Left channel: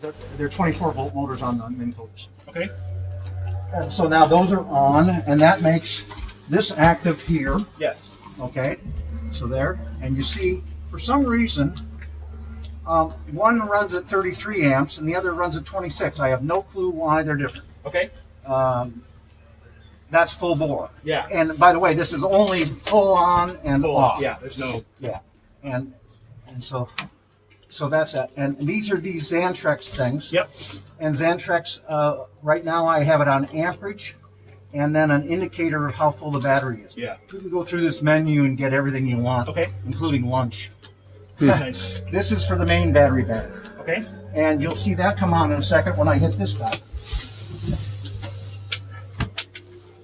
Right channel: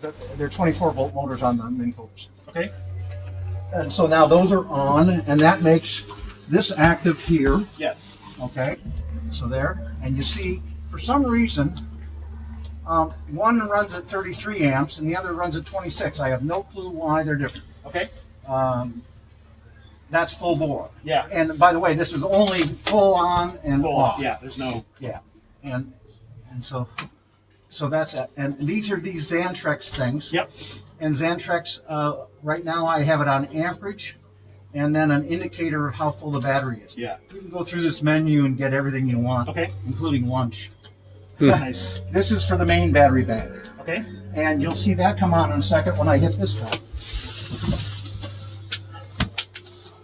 They're 24-volt motors on the Minn Kotas. Okay. And so now those are on, and that makes this active here. Yes. Okay. So there, and you see, for some reason, one runs at 33 amps and the other runs at 26. I have no clue why they're different. Okay. That's full bore. Yeah. And by the way, this is only full on and Full off. Yeah. There's no. Yeah. And so that's it. And these are these Xantrex things. Yep. And Xantrex, right now I have it on amperage and then an indicator of how full the battery is. Yeah. You can go through this menu and get everything you want, Okay. including lunch. Nice. This is for the main battery bank. Okay. And you'll see that come on in a second when I hit this guy.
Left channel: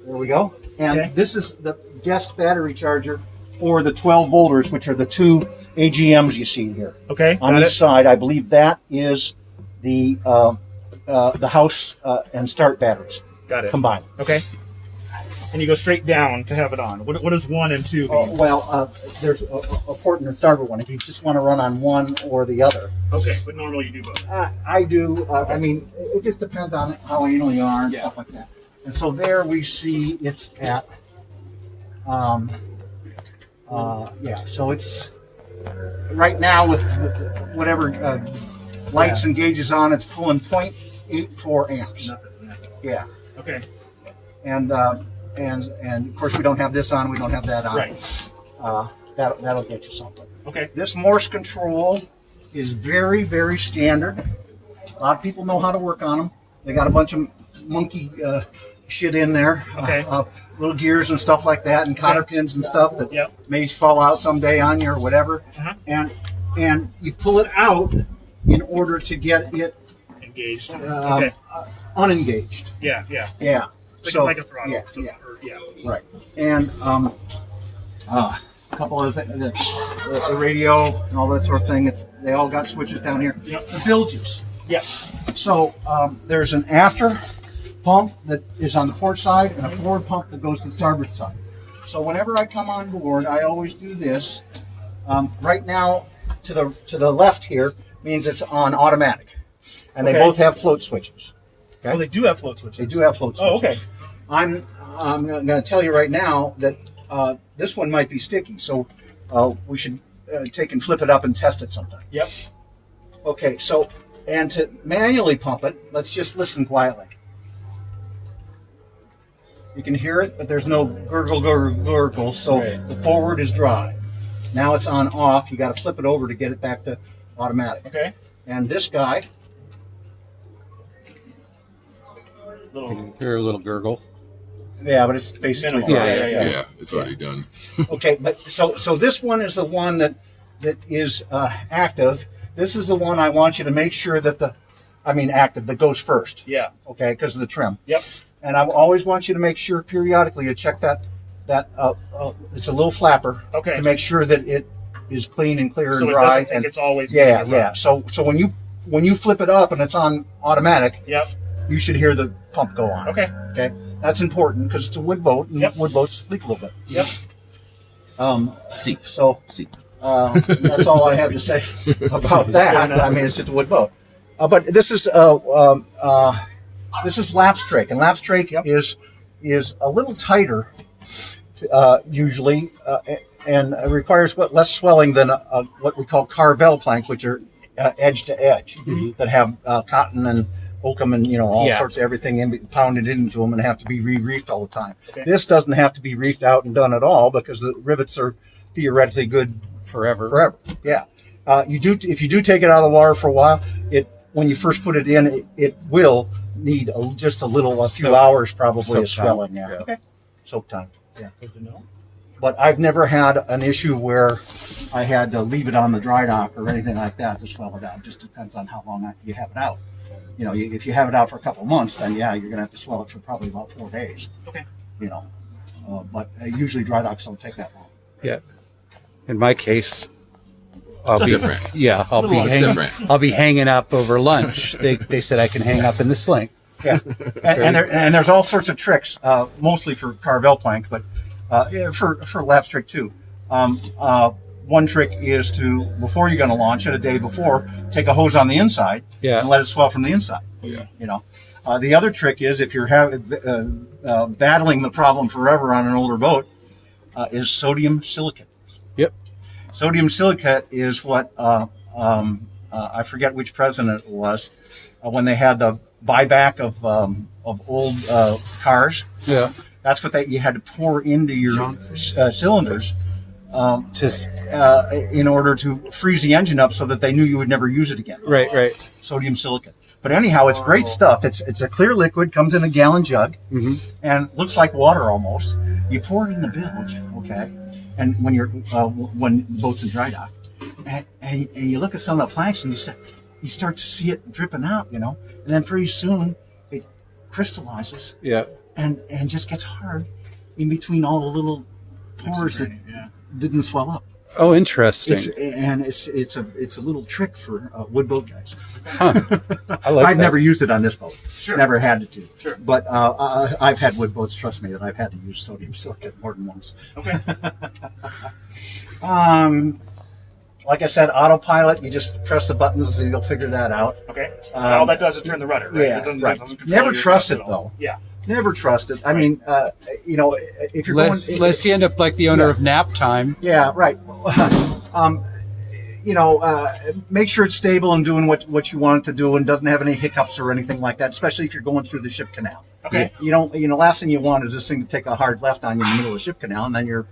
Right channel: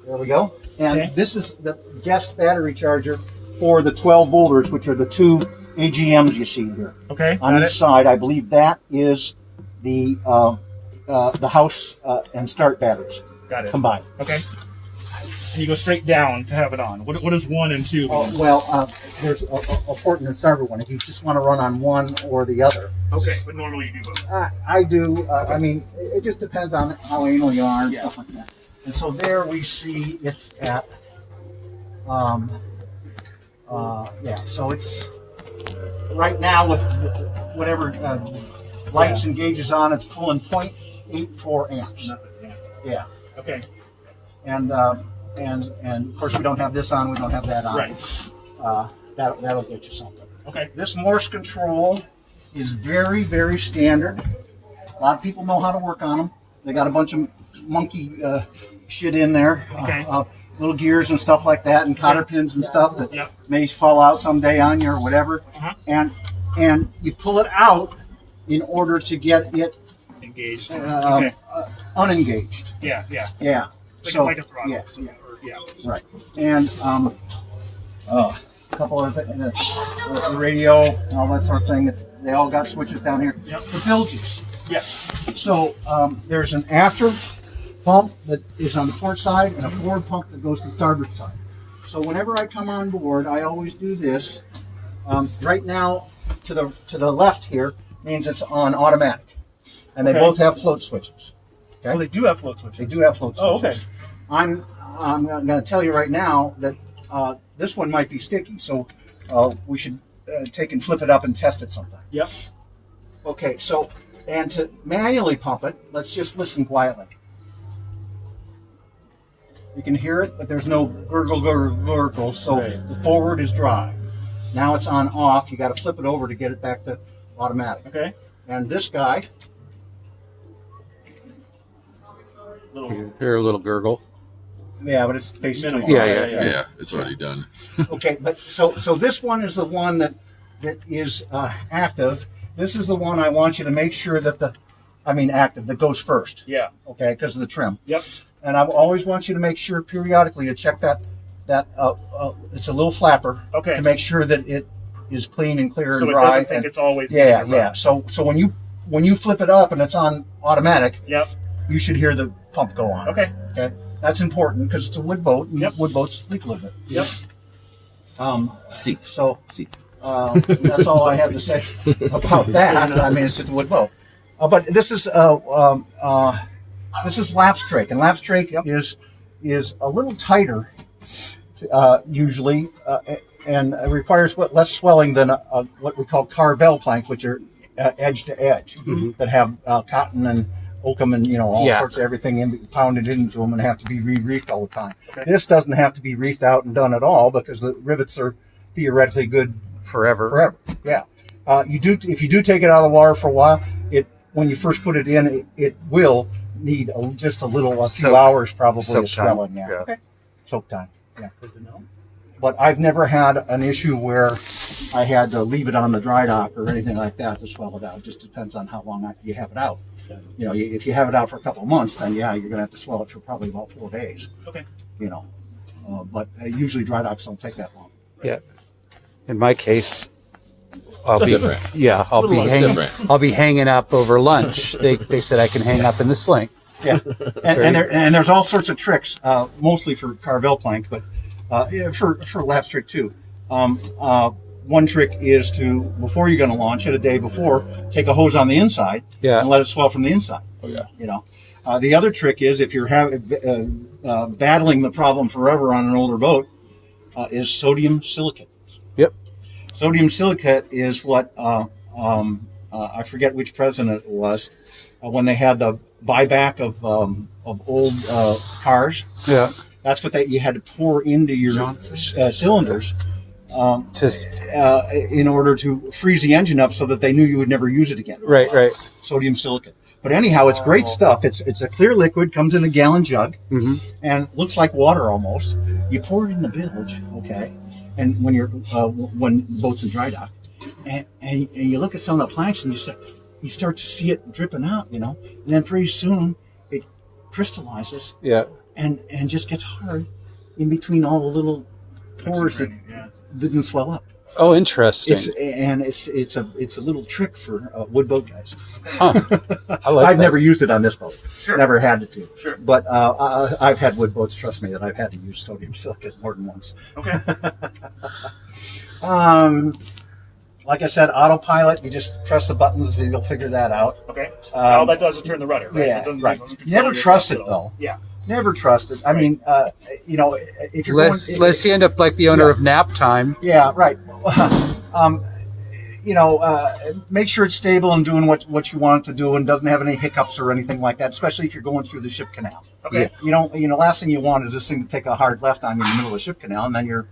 There we go. And Okay. this is the guest battery charger for the 12 volters, which are the two AGMs you see here. Okay. On got each it. side, I believe that is the house and start batteries Got it. combined. Okay. And you go straight down to have it on. What does 1 and 2 mean? There's a port in the starter one. If you just want to run on one or the other. Okay, but normally you do both. I do. I mean, it just depends on how anal you are and Yeah. stuff like that. And so there we see it's at, so it's right now with whatever lights and gauges on, it's pulling 0.84 amps. Nothing. Yeah. Yeah. Okay. And of course we don't have this on, we don't have that on. Right. That'll get you something. Okay. This Morse control is very, very standard. A lot of people know how to work on them. They got a bunch of monkey shit in there. Okay. Little gears and stuff like that, and cotter pins and stuff that Yep. may fall out someday on you or whatever. Uh-huh. And you pull it out in order to get it Engaged. Okay. unengaged. Yeah. Yeah. Yeah. Like a throttle. Yeah. So- Yeah. or- yeah. Right. And a couple of things, the radio and all that sort of thing. They all got switches down here. Yep. The bilges. Yes. So there's an after pump that is on the port side and a forward pump that goes to the starboard side. So whenever I come on board, I always do this. Right now, to the left here means it's on automatic, and they Okay. both have float switches. Okay? Oh, they do have float switches. They do have float Oh, switches. okay. I'm going to tell you right now that this one might be sticky, so we should take and flip it up and test it sometime. Yep. Okay, so, and to manually pump it, let's just listen quietly. You can hear it, but there's no gurgle, gurgle, gurgle, so Right. the forward is dry. Now it's on off. You got to flip it over to get it back to automatic. Okay. And this guy, Little. Hear a little gurgle. yeah, but it's basically Minimal. dry. Yeah. It's already done. Okay, but so this one is the one that is active. This is the one I want you to make sure that active, that goes first. Yeah. Okay, because of the trim. Yep. And I always want you to make sure periodically you check that it's a little flapper. Okay. To make sure that it is clean and clear So and it dry. doesn't think and, it's always. yeah, gonna be yeah. So when you flip it up and it's on automatic, Yep. you should hear the pump go on. Okay. Okay. That's important because it's a wood boat, and Yep. wood boats leak a little bit. Yep. See. So See. that's all I have to say about that. I mean, it's just a wood boat. But this is lapstrake, and lapstrake is a little tighter usually, and it requires less swelling than what we call carvel plank, which are edge to edge that have cotton and oakum and all sorts of everything pounded into them and have to be re-reefed all the time. Okay. This doesn't have to be reefed out and done at all because the rivets are theoretically good Forever. yeah. If you do take it out of the water for a while, when you first put it in, it will need just a few Soak- hours probably soak of swelling. time. Yeah. Yeah. Okay. Soak time. Yeah. Good to know. But I've never had an issue where I had to leave it on the dry dock or anything like that to swell it out. It just depends on how long you have it out. If you have it out for a couple of months, then you're going to have to swell it for probably about 4 days. Okay. But usually dry docks don't take that long. Yeah. In my case, I'll It's be different. yeah. different. I'll be hanging up over lunch. They said I can hang up in the sling. Yeah, and there's all sorts of tricks, mostly for carvel plank, but for lapstrake too. one trick is to, before you're going to launch it, a day before, take a hose on the inside Yeah. and let it swell from the inside. Oh yeah. You know, the other trick is if you're battling the problem forever on an older boat, is sodium silicate. Yep. Sodium silicate is what I forget which president it was when they had the buyback of old cars. Yeah. That's what you had to pour into your cylinders in order to freeze the engine up so that they knew you would never use it again. Right. Sodium silicate. But anyhow, it's great stuff. It's a clear liquid, comes in a gallon jug, and looks like water almost. You pour it in the bilge, okay? And when when the boat's in dry dock, and you look at some of the planks and you start to see it dripping out, you know, and then pretty soon it crystallizes, Yeah. and just gets hard in between all the little pores that didn't swell up. Oh, interesting. It's a little trick for wood boat guys. I like I've that. never used it on this boat. Sure. Never had to. Sure. But I've had wood boats. Trust me, that I've had to use sodium silicate more than once. Okay. Like I said, autopilot. You just press the buttons, and you'll figure that out. Okay. All that does is turn the rudder, right? Yeah, It doesn't- right. it doesn't control Never your trust thrust it at all. though. Yeah. Never trust it. I mean, you know, if you're Lest you end up like the owner of Nap Time. Yeah, right. You know, make sure it's stable and doing what you want it to do and doesn't have any hiccups or anything like that, especially if you're going through the ship canal. Okay. You don't, last thing you want is this thing to take a hard left on you in the middle of the ship canal and then you're,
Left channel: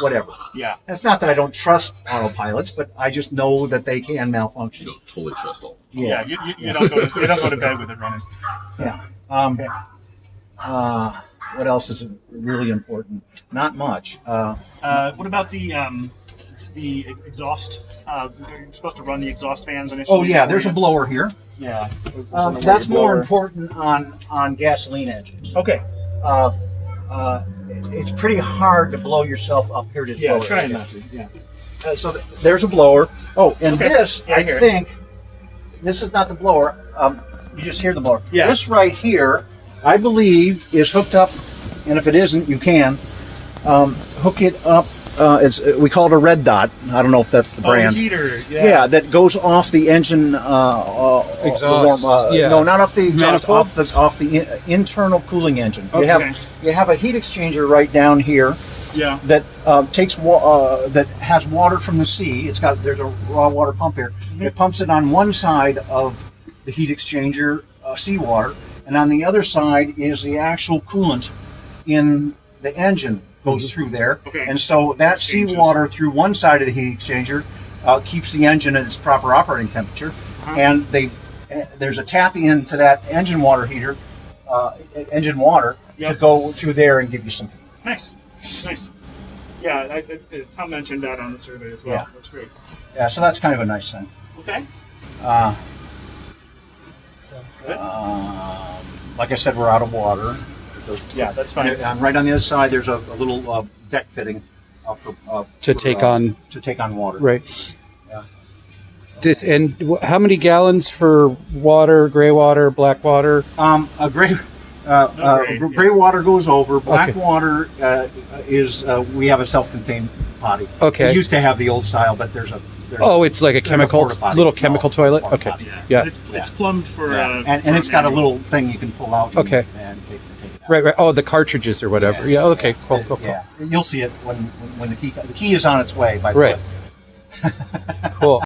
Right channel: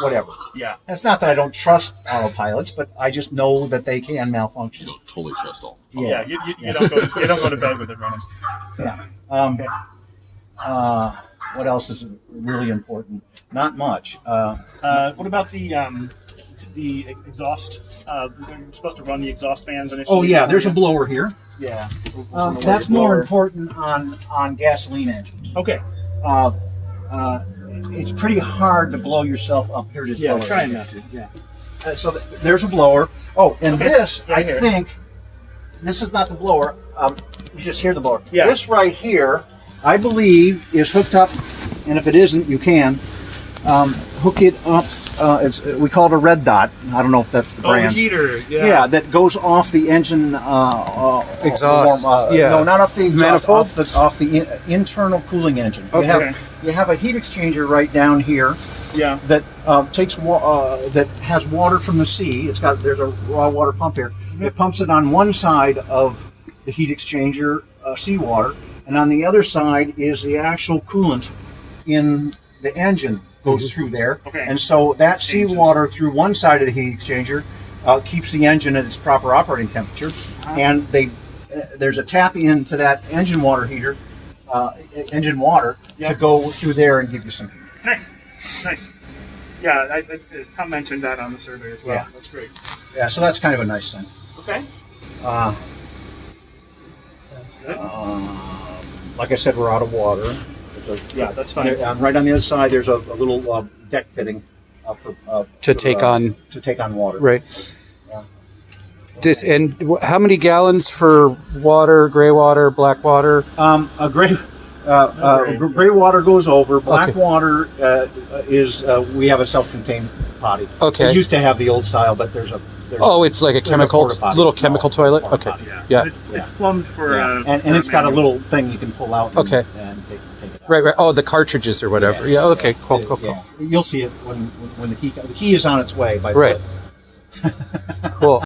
whatever. Yeah. It's not that I don't trust autopilots, but I just know that they can malfunction. You don't totally trust all. Yeah. You don't go to bed with it running. Yeah. Okay. What else is really important? Not much. What about the exhaust? You're supposed to run the exhaust fans initially. Oh yeah, there's a blower here. Yeah. That's more important on gasoline engines. Okay. It's pretty hard to blow yourself up here to Yeah, blow it. trying not to. Yeah. So there's a blower. Oh, and Okay. this, Yeah, I I hear it. think, this is not the blower. You just hear the blower. Yeah. This right here, I believe, is hooked up, and if it isn't, you can hook it up. We call it a red dot. I don't know if that's the Oh, the brand. heater. Yeah. Yeah, that goes off the engine Exhaust, yeah. No, not off the exhaust, Manifold? off the internal cooling engine. Okay. You have a heat exchanger right down here Yeah. that takes that has water from the sea. There's a raw water pump here. It pumps it on one side of the heat exchanger, seawater, and on the other side is the actual coolant in the engine goes through there. Okay. And so that Changes. seawater through one side of the heat exchanger keeps the engine at its proper operating temperature, and there's a tap into that engine water heater, engine water, to Yep. go through there and give you some heat. Nice. Yeah, Tom mentioned that on the survey as well. Yeah. That's great. Yeah, so that's kind of a nice thing. Okay. Sounds good. Like I said, we're out of water. Yeah, that's fine. Right on the other side, there's a little deck fitting To take on water. Right. Yeah. And how many gallons for water, gray water, black water? A gray. gray, Gray water goes over. Black Okay. water is we have a self-contained potty. Okay. We used to have the old style, but there's Oh, it's like a There's a chemical, porta potty. little chemical No, toilet? porta Okay. potty. Yeah. Yeah. But it's plumbed for. and it's got a little thing you can pull out. Okay. And take it out. Right. Oh, the cartridges or whatever. Yeah, okay. Cool. Yeah, you'll see it when the key is on its way. By the Right. way. Cool.